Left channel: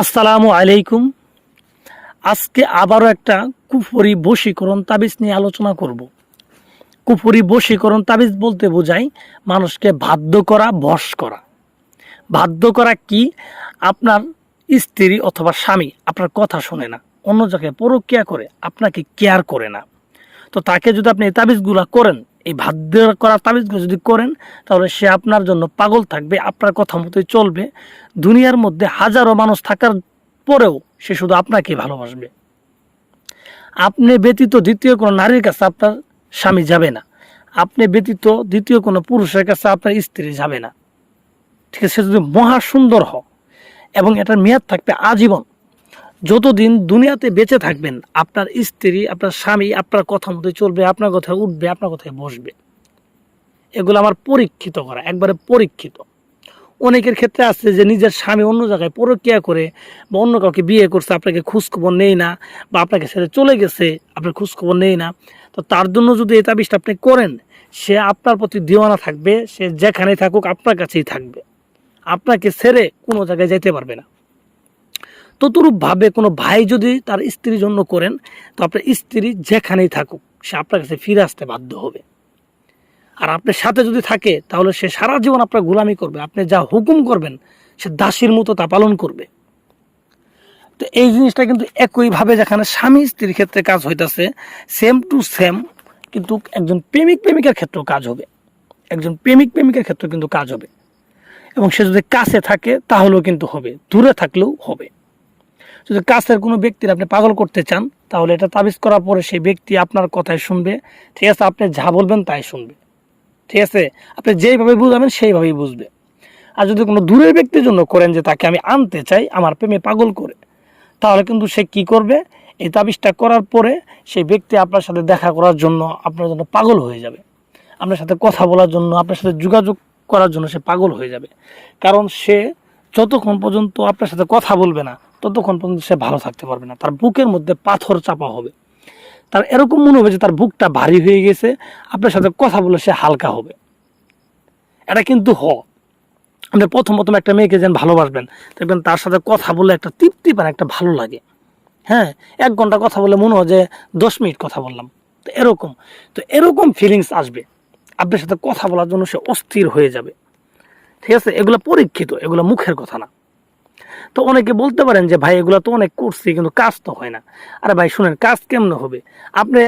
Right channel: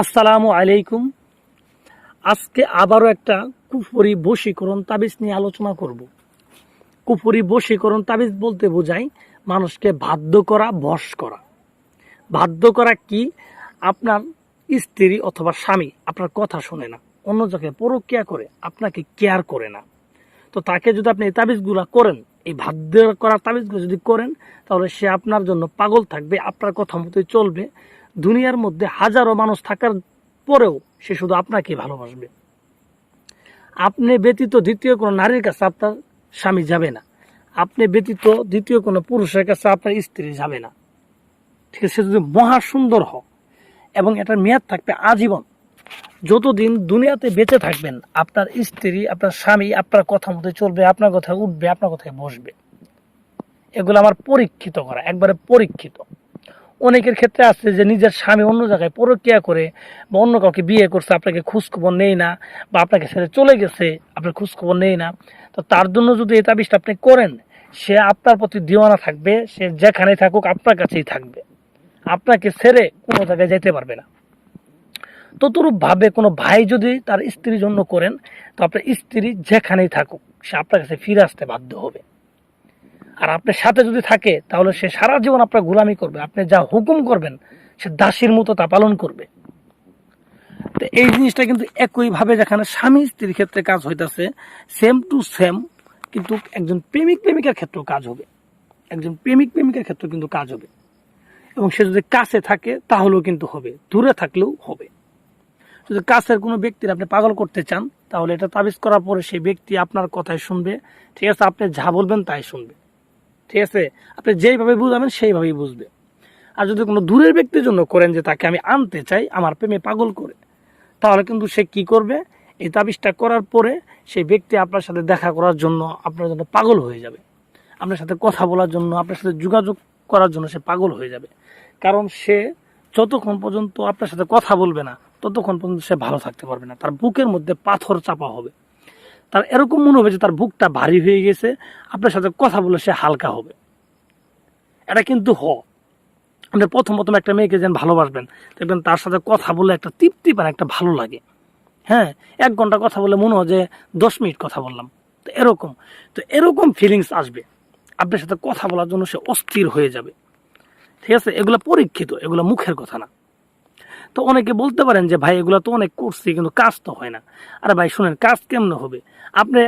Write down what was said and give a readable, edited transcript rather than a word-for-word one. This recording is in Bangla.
আসসালামু আলাইকুম। আজকে আবারও একটা কুফরি বশীকরণ তাবিজ নিয়ে আলোচনা করব। কুফরি বশীকরণ তাবিজ বলতে বোঝায় মানুষকে বাধ্য করা, বশ করা। বাধ্য করা কি? আপনার স্ত্রী অথবা স্বামী আপনার কথা শোনে না, অন্য জায়গায় পরক্রিয়া করে, আপনাকে কেয়ার করে না। তো তাকে যদি আপনি এই তাবিজগুলো করেন, এই বাধ্য করা তাবিজগুলো যদি করেন, তাহলে সে আপনার জন্য পাগল থাকবে, আপনার কথা মতোই চলবে। দুনিয়ার মধ্যে হাজারো মানুষ থাকার পরেও সে শুধু আপনাকে ভালোবাসবে। আপনি ব্যতীত দ্বিতীয় কোনো নারীর কাছে আপনার স্বামী যাবে না, আপনি ব্যতীত দ্বিতীয় কোনো পুরুষের কাছে আপনার স্ত্রী যাবে না। ঠিক আছে? সে যদি মহা সুন্দর হয় এবং এটার মেয়াদ থাকবে আজীবন। যতদিন দুনিয়াতে বেঁচে থাকবেন, আপনার স্ত্রী, আপনার স্বামী আপনার কথা মতো চলবে, আপনার কথায় উঠবে, আপনার কথায় বসবে। এগুলো আমার পরীক্ষিত করা, একবারে পরীক্ষিত। অনেকের ক্ষেত্রে আছে যে নিজের স্বামী অন্য জায়গায় পরক্রিয়া করে বা অন্য কাউকে বিয়ে করছে, আপনাকে খোঁজখবর নেই না, বা আপনাকে ছেড়ে চলে গেছে, আপনার খোঁজখবর নেই না। তো তার জন্য যদি এই তাবিজটা আপনি করেন, সে আপনার প্রতি দিওয়ানা থাকবে, সে যেখানেই থাকুক আপনার কাছেই থাকবে, আপনাকে ছেড়ে কোনো জায়গায় যেতে পারবে না। ততরূপভাবে কোনো ভাই যদি তার স্ত্রীর জন্য করেন, তো আপনার স্ত্রী যেখানেই থাকুক সে আপনার কাছে ফিরে আসতে বাধ্য হবে। আর আপনার সাথে যদি থাকে, তাহলে সে সারা জীবন আপনার গোলামি করবে, আপনি যা হুকুম করবেন সে দাসীর মতো তা পালন করবে। তো এই জিনিসটা কিন্তু একইভাবে যেখানে স্বামী স্ত্রীর ক্ষেত্রে কাজ হইতেছে, সেম টু সেম কিন্তু একজন প্রেমিক প্রেমিকার ক্ষেত্রেও কাজ হবে। একজন প্রেমিক প্রেমিকার ক্ষেত্রেও কিন্তু কাজ হবে। এবং সে যদি কাছে থাকে তাহলেও কিন্তু হবে, দূরে থাকলেও হবে। যদি কাছের কোনো ব্যক্তির আপনি পাগল করতে চান, তাহলে এটা তাবিজ করার পরে সেই ব্যক্তি আপনার কথাই শুনবে। ঠিক আছে? আপনি যা বলবেন তাই শুনবে। ঠিক আছে? আপনি যেইভাবে বুঝাবেন সেইভাবেই বুঝবে। আর যদি কোনো দূরের ব্যক্তির জন্য করেন যে তাকে আমি আনতে চাই আমার প্রেমে পাগল করে, তাহলে কিন্তু সে কি করবে? এই তাবিজটা করার পরে সেই ব্যক্তি আপনার সাথে দেখা করার জন্য, আপনার জন্য পাগল হয়ে যাবে। আপনার সাথে কথা বলার জন্য, আপনার সাথে যোগাযোগ করার জন্য সে পাগল হয়ে যাবে। কারণ সে যতক্ষণ পর্যন্ত আপনার সাথে কথা বলবে না, ততক্ষণ পর্যন্ত সে ভালো থাকতে পারবে না। তার বুকের মধ্যে পাথর চাপা হবে, তার এরকম মনে হবে যে তার বুকটা ভারী হয়ে গেছে। আপনার সাথে কথা বলে সে হালকা হবে। এটা কিন্তু আপনি প্রথম প্রথম একটা মেয়েকে যেন ভালোবাসবেন, দেখবেন তার সাথে কথা বলে একটা তৃপ্তি পান, একটা ভালো লাগে। হ্যাঁ, 1 ঘন্টা কথা বলে মনে হয় যে 10 মিনিট কথা বললাম। তো এরকম ফিলিংস আসবে, আপনার সাথে কথা বলার জন্য সে অস্থির হয়ে যাবে। ঠিক আছে? এগুলো পরীক্ষিত, এগুলো মুখের কথা না। তো অনেকে বলতে পারেন যে ভাই এগুলো তো অনেক করছি কিন্তু কাজ তো হয় না। আরে ভাই শুনেন, কাজ কেমনে হবে? আপনি